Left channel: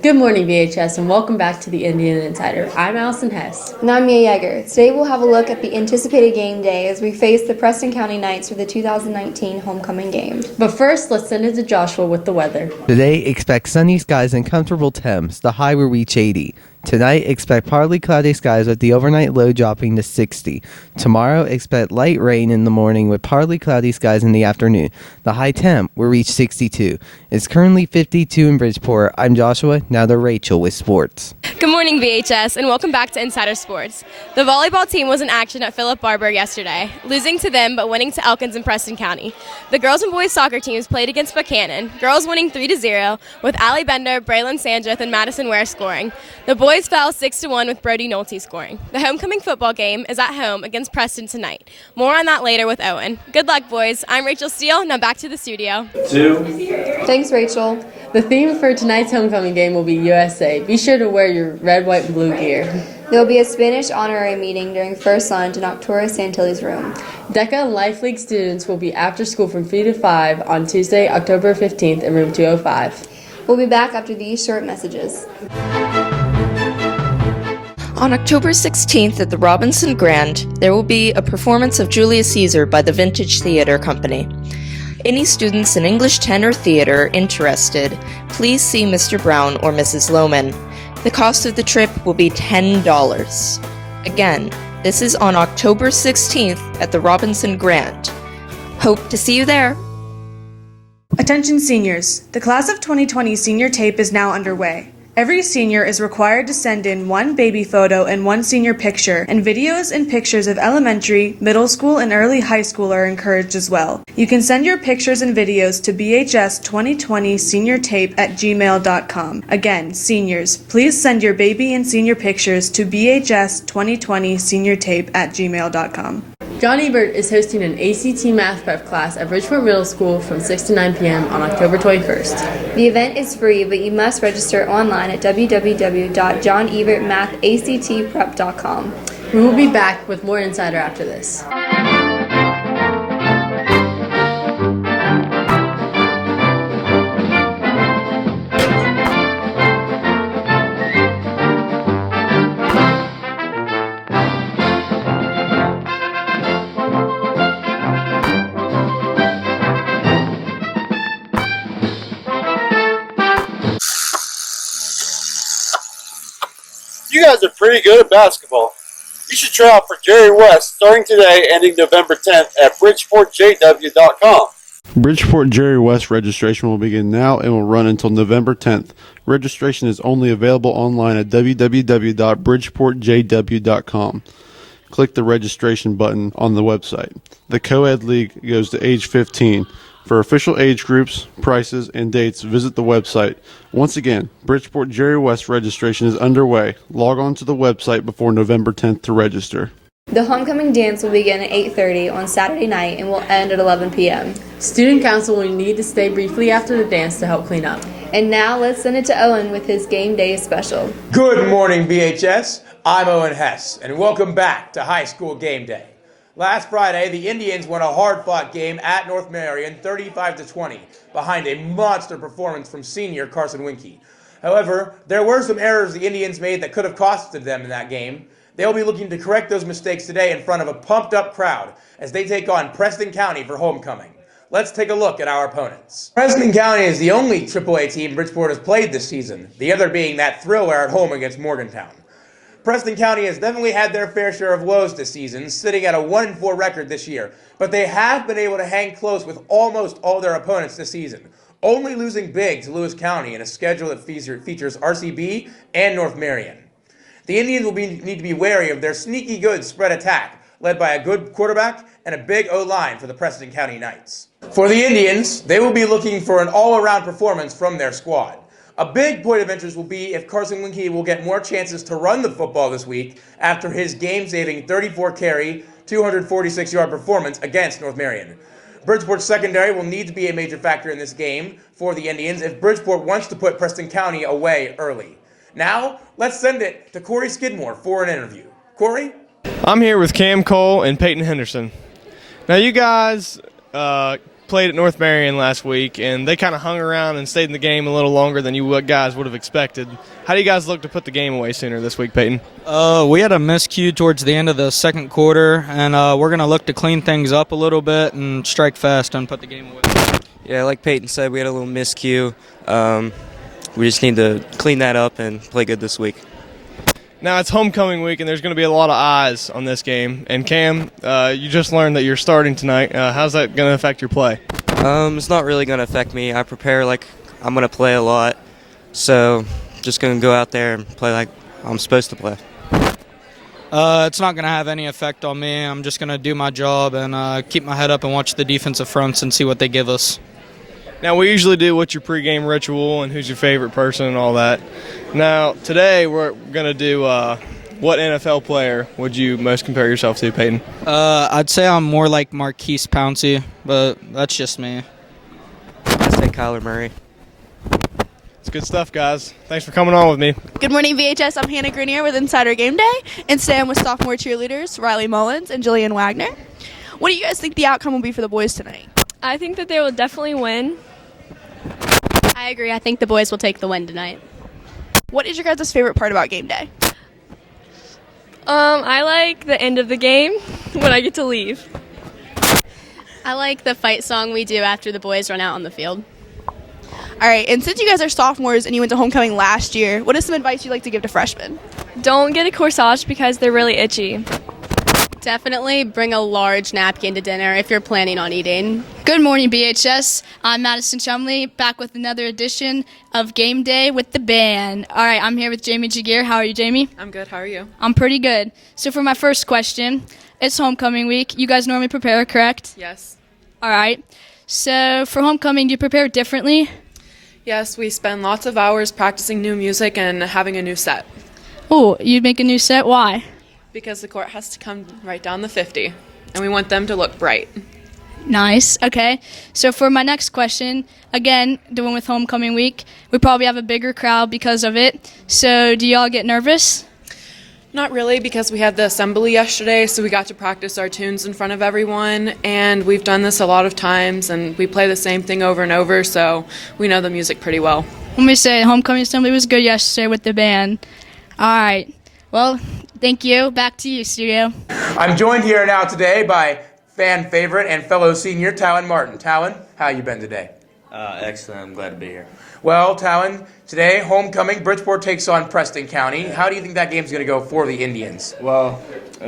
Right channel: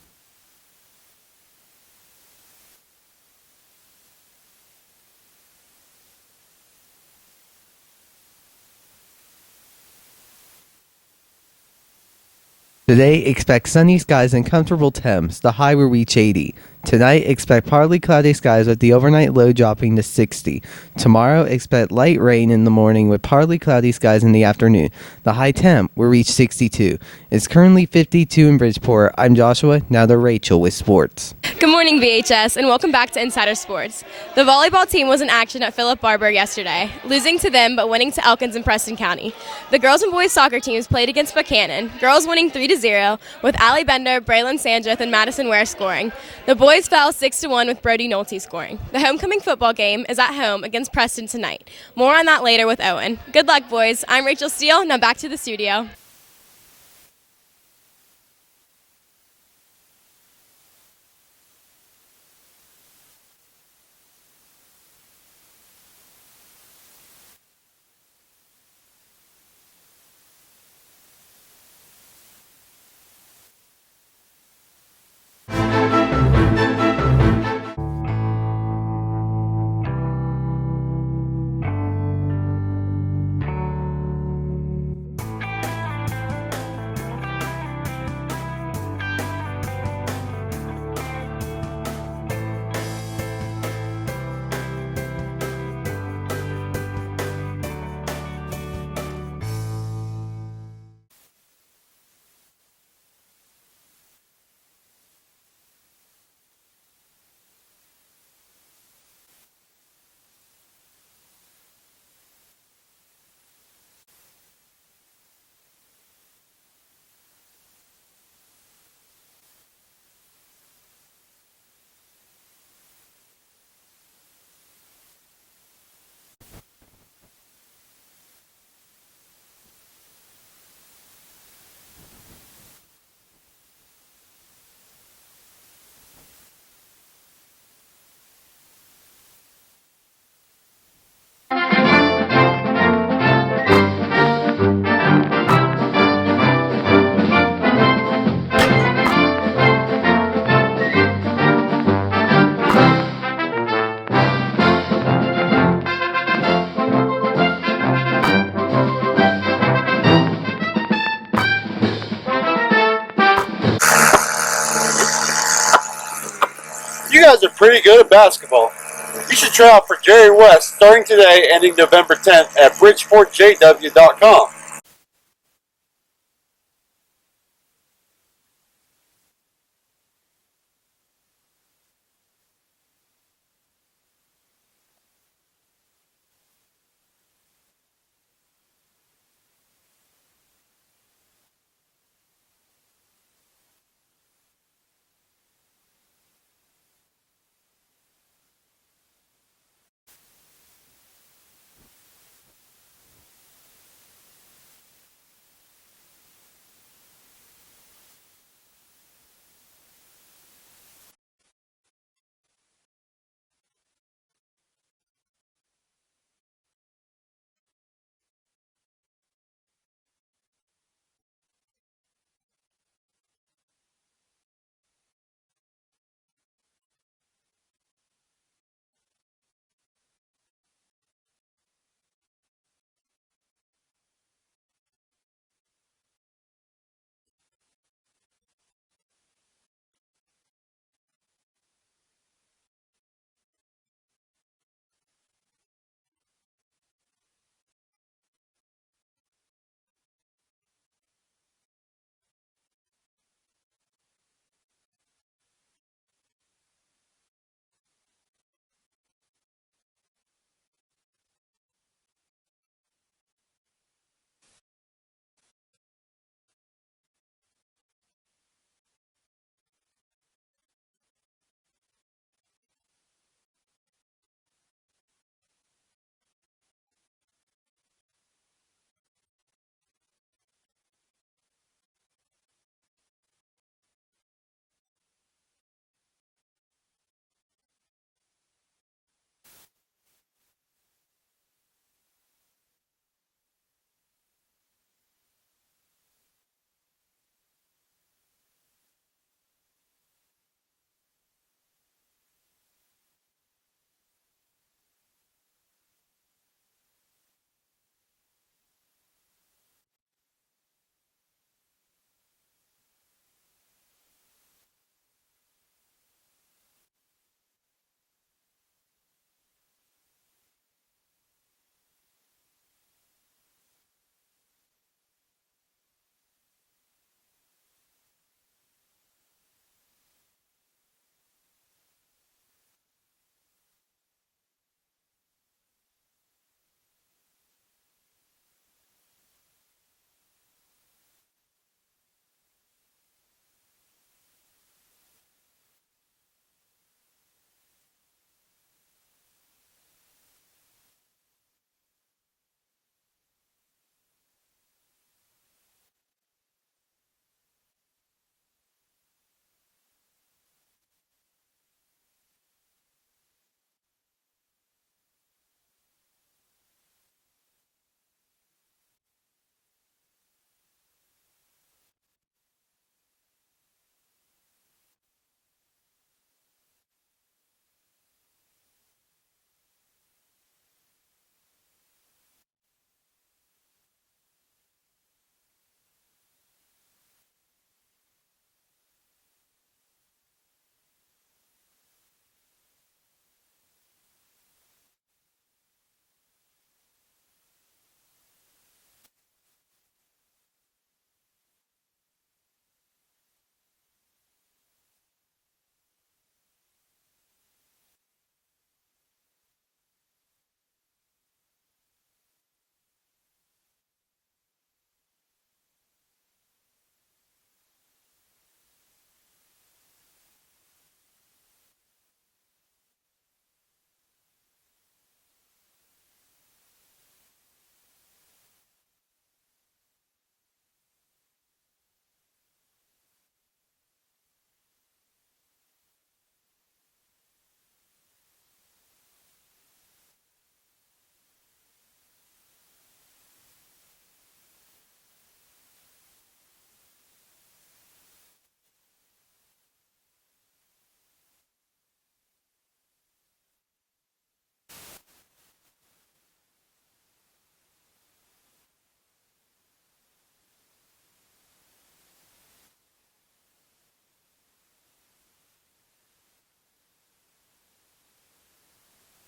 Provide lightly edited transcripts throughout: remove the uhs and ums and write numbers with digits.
Good morning, VHS, and welcome back to the Indian Insider. I'm Allison Hess. And I'm Mia Yeager. Today we'll have a look at the anticipated game day as we face the Preston County Knights for the 2019 homecoming game. But first, let's send it to Joshua with the weather. Thanks, Rachel. The theme for tonight's homecoming game will be USA. Be sure to wear your red, white, and blue gear. There will be a Spanish honorary meeting during first lunch in Arturo Santilli's room. DECA and Life League students will be after school from 3 to 5 on Tuesday, October 15th in room 205. We'll be back after these short messages. On October 16th at the Robinson Grand, there will be a performance of Julius Caesar by the Vintage Theater Company. Any students in English 10 or theater interested, please see Mr. Brown or Mrs. Lohman. The cost of the trip will be $10. Again, this is on October 16th at the Robinson Grand. Hope to see you there. Attention seniors, the class of 2020 senior tape is now underway. Every senior is required to send in one baby photo and one senior picture, and videos and pictures of elementary, middle school, and early high school are encouraged as well. You can send your pictures and videos to bhs2020seniortape@gmail.com. Again, seniors, please send your baby and senior pictures to bhs2020seniortape@gmail.com. John Ebert is hosting an ACT Math Prep class at Bridgeport Middle School from 6 to 9 p.m. on October 21st. The event is free, but you must register online at www.johnebertmathactprep.com. We will be back with more Insider after this. You guys are pretty good at basketball. You should try out for Jerry West starting today, ending November 10th at BridgeportJW.com. Bridgeport Jerry West registration will begin now and will run until November 10th. Registration is only available online at www.bridgeportjw.com. Click the registration button on the website. The Co-Ed League goes to age 15. For official age groups, prices, and dates, visit the website. Once again, Bridgeport Jerry West registration is underway. Log on to the website before November 10th to register. The homecoming dance will begin at 8:30 on Saturday night and will end at 11 p.m. Student council will need to stay briefly after the dance to help clean up. And now let's send it to Owen with his game day special. Good morning, VHS. I'm Owen Hess, and welcome back to High School Game Day. Last Friday, the Indians won a hard-fought game at North Marion 35-20 behind a monster performance from senior Carson Winkie. However, there were some errors the Indians made that could have costed them in that game. They'll be looking to correct those mistakes today in front of a pumped-up crowd as they take on Preston County for homecoming. Let's take a look at our opponents. Preston County is the only AAA team Bridgeport has played this season, the other being that thriller at home against Morgantown. Preston County has definitely had their fair share of woes this season, sitting at a 1-4 record this year, but they have been able to hang close with almost all their opponents this season, only losing big to Lewis County in a schedule that features RCB and North Marion. The Indians will need to be wary of their sneaky good spread attack, led by a good quarterback and a big O-line for the Preston County Knights. For the Indians, they will be looking for an all-around performance from their squad. A big point of interest will be if Carson Winkie will get more chances to run the football this week after his game-saving 34-carry, 246-yard performance against North Marion. Bridgeport's secondary will need to be a major factor in this game for the Indians if Bridgeport wants to put Preston County away early. Now, let's send it to Corey Skidmore for an interview. Corey? I'm here with Cam Cole and Peyton Henderson. Now, you guys played at North Marion last week, and they kind of hung around and stayed in the game a little longer than you guys would have expected. How do you guys look to put the game away sooner this week, Peyton? We had a miscue towards the end of the second quarter, and we're going to look to clean things up a little bit and strike fast and put the game away. Yeah, like Peyton said, we had a little miscue. We just need to clean that up and play good this week. Now, it's homecoming week, and there's going to be a lot of eyes on this game. And Cam, you just learned that you're starting tonight. How's that going to affect your play? It's not really going to affect me. I prepare like I'm going to play a lot, so just going to go out there and play like I'm supposed to play. It's not going to have any effect on me. I'm just going to do my job and keep my head up and watch the defensive fronts and see what they give us. Now, we usually do what's your pregame ritual and who's your favorite person and all that. Now, today we're going to do what NFL player would you most compare yourself to, Peyton? I'd say I'm more like Marquise Pouncey, but that's just me. I'd say Kyler Murray. It's good stuff, guys. Thanks for coming on with me. Good morning, VHS. I'm Hannah Grenier with Insider Game Day, and today I'm with sophomore cheerleaders Riley Mullins and Jillian Wagner. What do you guys think the outcome will be for the boys tonight? I think that they will definitely win. I agree. I think the boys will take the win tonight. What is your guys' favorite part about game day? I like the end of the game when I get to leave. I like the fight song we do after the boys run out on the field. All right, and since you guys are sophomores and you went to homecoming last year, what is some advice you'd like to give to freshmen? Don't get a corsage because they're really itchy. Definitely bring a large napkin to dinner if you're planning on eating. Good morning, BHS. I'm Madison Chumley, back with another edition of Game Day with the band. All right, I'm here with Jamie Jagir. How are you, Jamie? I'm good. How are you? I'm pretty good. So for my first question, it's homecoming week. You guys normally prepare, correct? Yes. All right. So for homecoming, do you prepare differently? Yes, we spend lots of hours practicing new music and having a new set. Oh, you'd make a new set? Why? Because the court has to come right down the 50, and we want them to look bright. Nice. Okay. So for my next question, again, doing with homecoming week, we probably have a bigger crowd because of it. So do y'all get nervous? Not really, because we had the assembly yesterday, so we got to practice our tunes in front of everyone, and we've done this a lot of times, and we play the same thing over and over, so we know the music pretty well. Let me say, homecoming assembly was good yesterday with the band. All right. Well, thank you. Back to you, studio. I'm joined here now today by fan favorite and fellow senior Talon Martin. Talon, how you been today? Excellent. I'm glad to be here. Well, Talon, today, homecoming, Bridgeport takes on Preston County. How do you think that game's going to go for the Indians? Well,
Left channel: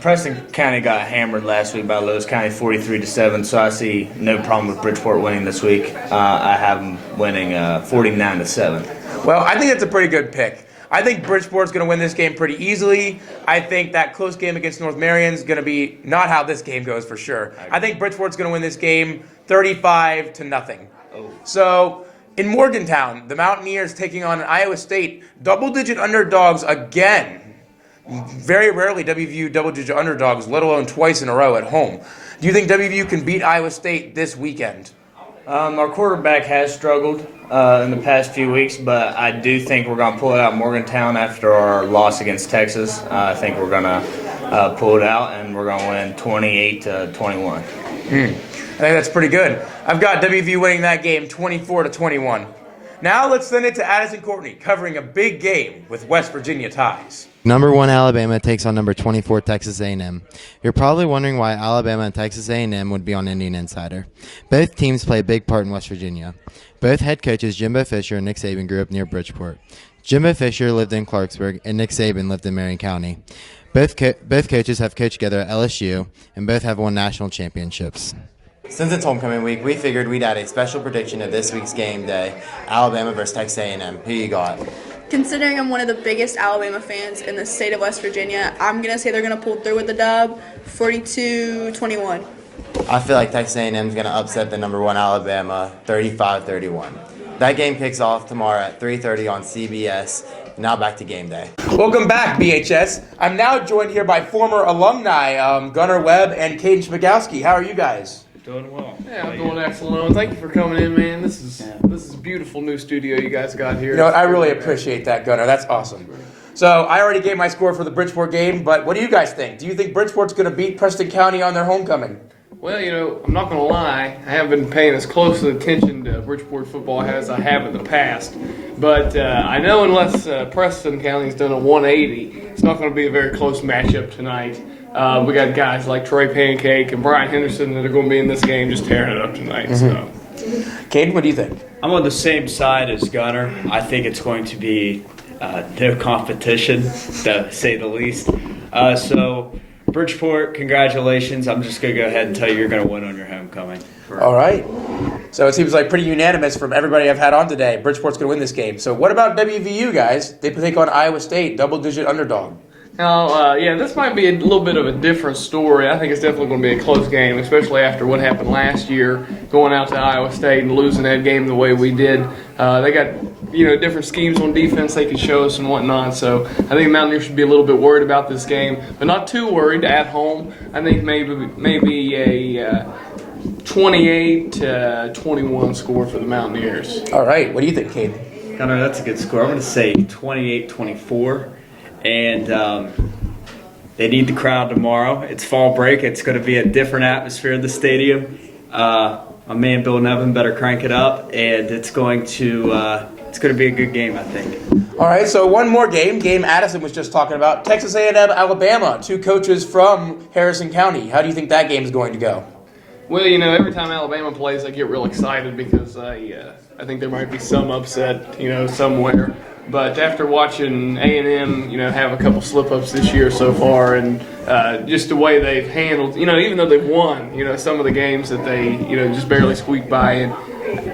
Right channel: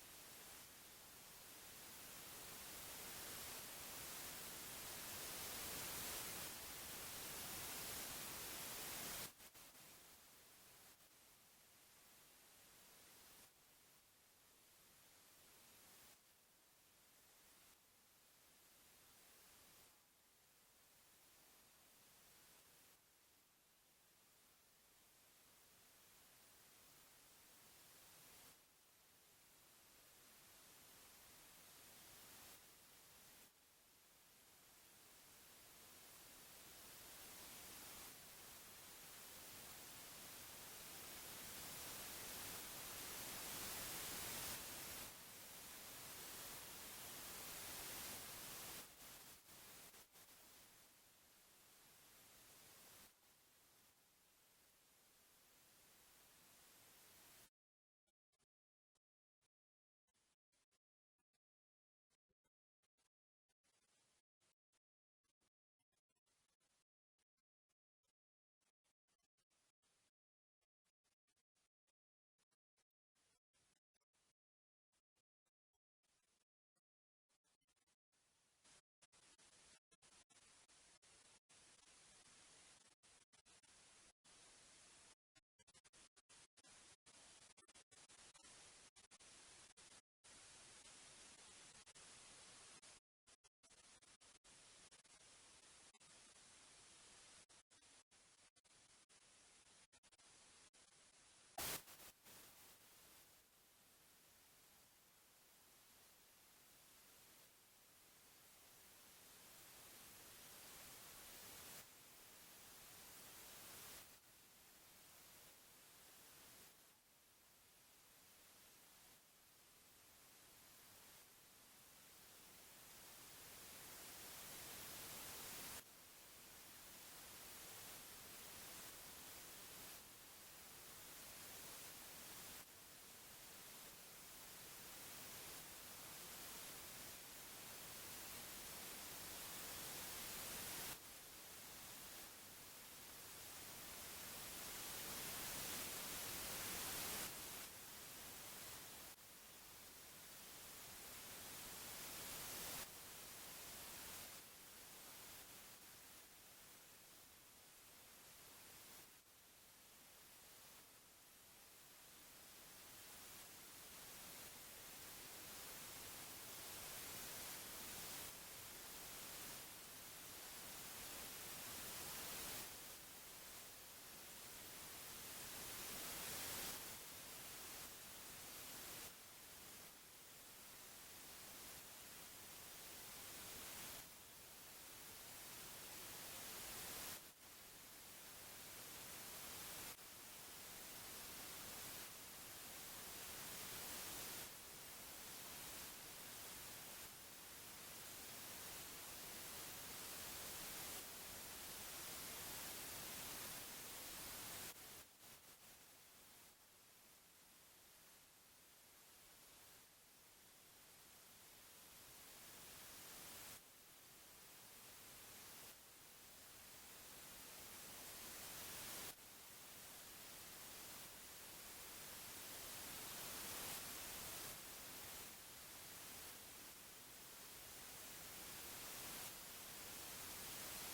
Preston County got hammered last week by Lewis County 43-7, so I see no problem with Bridgeport winning this week. I have them winning 49-7. Well, I think that's a pretty good pick. I think Bridgeport's going to win this game pretty easily. I think that close game against North Marion's going to be not how this game goes for sure. I think Bridgeport's going to win this game 35-0. Oh. So in Morgantown, the Mountaineers taking on Iowa State, double-digit underdogs again. Very rarely WVU double-digit underdogs, let alone twice in a row at home. Do you think WVU can beat Iowa State this weekend? Our quarterback has struggled in the past few weeks, but I do think we're going to pull it out in Morgantown after our loss against Texas. I think we're going to pull it out, and we're going to win 28-21. I think that's pretty good. I've got WVU winning that game 24-21. Now let's send it to Addison Courtney, covering a big game with West Virginia ties. Number 1 Alabama takes on number 24 Texas A&M. You're probably wondering why Alabama and Texas A&M would be on Indian Insider. Both teams play a big part in West Virginia. Both head coaches Jimbo Fisher and Nick Saban grew up near Bridgeport. Jimbo Fisher lived in Clarksburg and Nick Saban lived in Marion County. Both coaches have coached together at LSU and both have won national championships. Since it's homecoming week, we figured we'd add a special prediction to this week's game day, Alabama versus Texas A&M. Who you got? Considering I'm one of the biggest Alabama fans in the state of West Virginia, I'm going to say they're going to pull through with the dub, 42-21. I feel like Texas A&M is going to upset the number 1 Alabama, 35-31. That game kicks off tomorrow at 3:30 on CBS. Now back to game day. Welcome back, BHS. I'm now joined here by former alumni Gunnar Webb and Caden Schmagowski. How are you guys? Doing well. Yeah, I'm doing excellent. Thank you for coming in, man. This is a beautiful new studio you guys got here. You know what, I really appreciate that, Gunnar. That's awesome. So I already gave my score for the Bridgeport game, but what do you guys think? Do you think Bridgeport's going to beat Preston County on their homecoming? Well, I'm not going to lie. I haven't been paying as close attention to Bridgeport football as I have in the past. But I know unless Preston County's done a 180, it's not going to be a very close matchup tonight. We got guys like Troy Pancake and Brian Henderson that are going to be in this game just tearing it up tonight. So, Caden, what do you think? I'm on the same side as Gunner. I think it's going to be no competition, to say the least. So, Bridgeport, congratulations. I'm just going to go ahead and tell you you're going to win on your homecoming. All right. So it seems like pretty unanimous from everybody I've had on today. Bridgeport's going to win this game. So what about WVU, guys? They take on Iowa State, double-digit underdog. Now, this might be a little bit of a different story. I think it's definitely going to be a close game, especially after what happened last year, going out to Iowa State and losing that game the way we did. They got, different schemes on defense they could show us and whatnot. So I think Mountaineers should be a little bit worried about this game, but not too worried at home. I think maybe a 28-21 score for the Mountaineers. All right. What do you think, Caden? Gunner, that's a good score. I'm going to say 28-24. And they need the crowd tomorrow. It's fall break. It's going to be a different atmosphere in the stadium. My man Bill Nevin better crank it up, and it's going to be a good game, I think. All right, so one more game Addison was just talking about. Texas A&M, Alabama, two coaches from Harrison County. How do you think that game is going to go? Well, every time Alabama plays, I get real excited because I think there might be some upset, somewhere. But after watching A&M, have a couple slip-ups this year so far, and just the way they've handled, even though they've won, some of the games that they, just barely squeaked by, and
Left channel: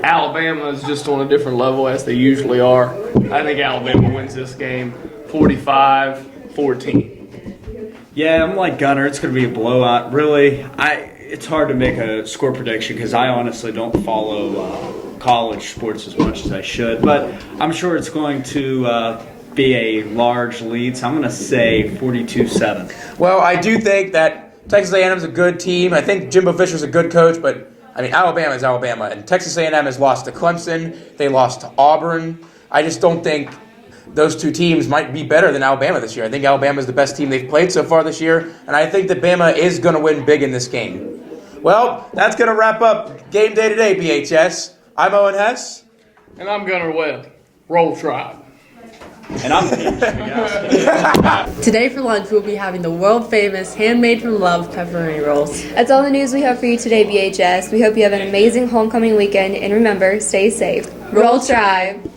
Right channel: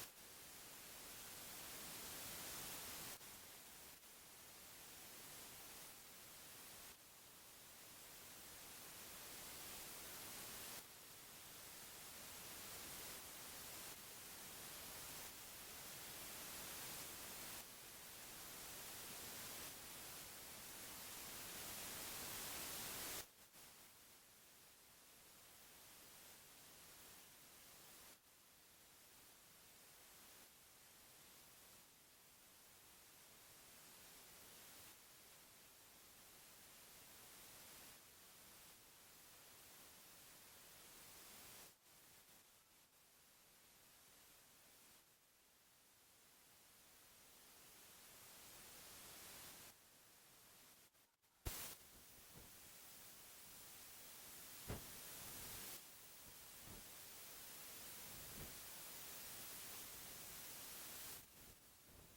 Alabama is just on a different level as they usually are. I think Alabama wins this game 45-14. Yeah, I'm like Gunner. It's going to be a blowout. Really, it's hard to make a score prediction because I honestly don't follow college sports as much as I should, but I'm sure it's going to be a large lead, so I'm going to say 42-7. Well, I do think that Texas A&M is a good team. I think Jimbo Fisher's a good coach, but Alabama is Alabama, and Texas A&M has lost to Clemson. They lost to Auburn. I just don't think those two teams might be better than Alabama this year. I think Alabama is the best team they've played so far this year, and I think that Bama is going to win big in this game. Well, that's going to wrap up Game Day today, BHS. I'm Owen Hess. And I'm Gunnar Webb. Roll Tribe. And I'm Today for lunch, we'll be having the world-famous handmade from love pepperoni rolls. That's all the news we have for you today, BHS. We hope you have an amazing homecoming weekend, and remember, stay safe. Roll Tribe!